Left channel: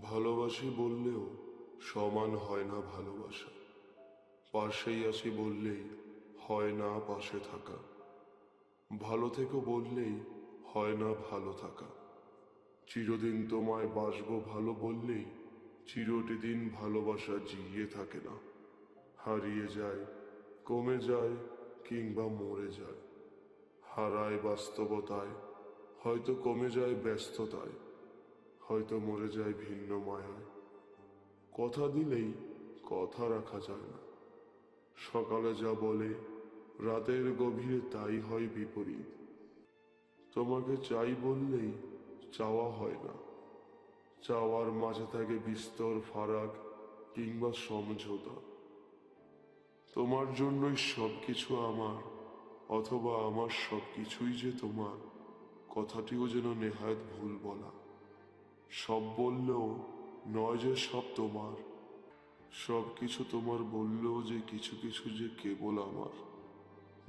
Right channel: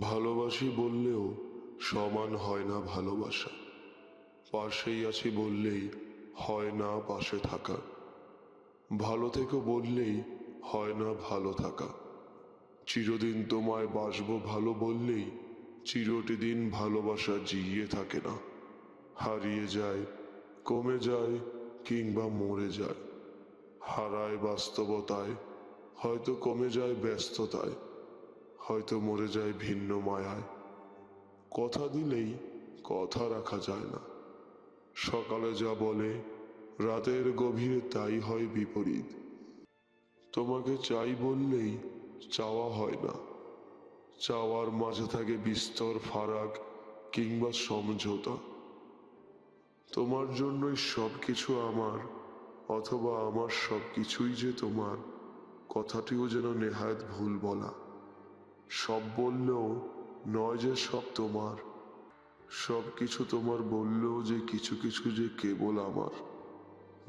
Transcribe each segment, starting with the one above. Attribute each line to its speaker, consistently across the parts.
Speaker 1: ভালোবাসি বললেও সমান হয় না ভালোবাসা। পাশেই আছি বললেই হয় না পাশে থাকা। ভালো থেকো বললেই হয় না ভালো থাকা। চিরদিন তোমায় বাসবো ভালো বললেই চিরটি দিন ভালোবাসা জিইয়ে থাকে না। হারিয়ে যায়, কমে যায় কিংবা মরে যায়। হারায় বাস্তবতায়, হয়তো কমে যায় ব্যস্ততায়। হয়তো মরে যায় ভিন্ন মায়ায়। কথা দিলেই কথা রাখা যায় না। সকালে যা বলে, রাতের গভীরে তাই হয় বিপরীত। তোমাকে চাই বললেই চাওয়া হয় না। চাওয়ার মাঝে থাকে বিস্তর ফারাক কিংবা সমঝোতা। তোমার জন্যই সব কিছু আমার, অথবা আমার সব কিছুই যে তোমার, কথাটিও যেন নেহায়ত ভুল বলা। সব বললেও নয় যে সব তোমার। সব কিছু তোমার বললেও যে কিছু কিছু যে কেবল আমার।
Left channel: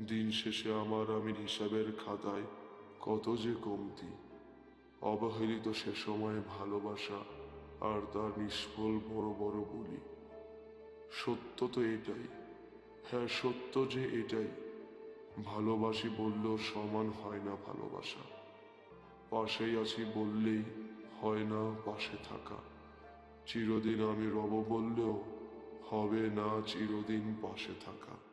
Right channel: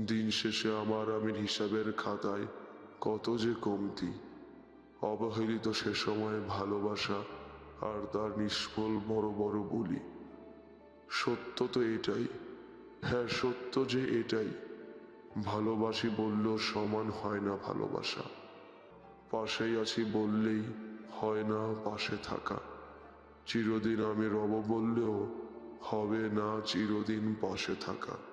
Speaker 1: দিন শেষে আমার আমি হিসাবের খাতায় কত যে কমতি। অবহেলিত সে সময় ভালোবাসা আর তার নিষ্ফল বড় বড় বলি। সত্য তো এটাই। হ্যাঁ সত্য যে এটাই। ভালোবাসি বললেও সমান হয় না ভালোবাসা। পাশেই আছি বললেই হয় না পাশে থাকা। চিরদিন আমি রব বললেও হবে না চিরদিন পাশে থাকা।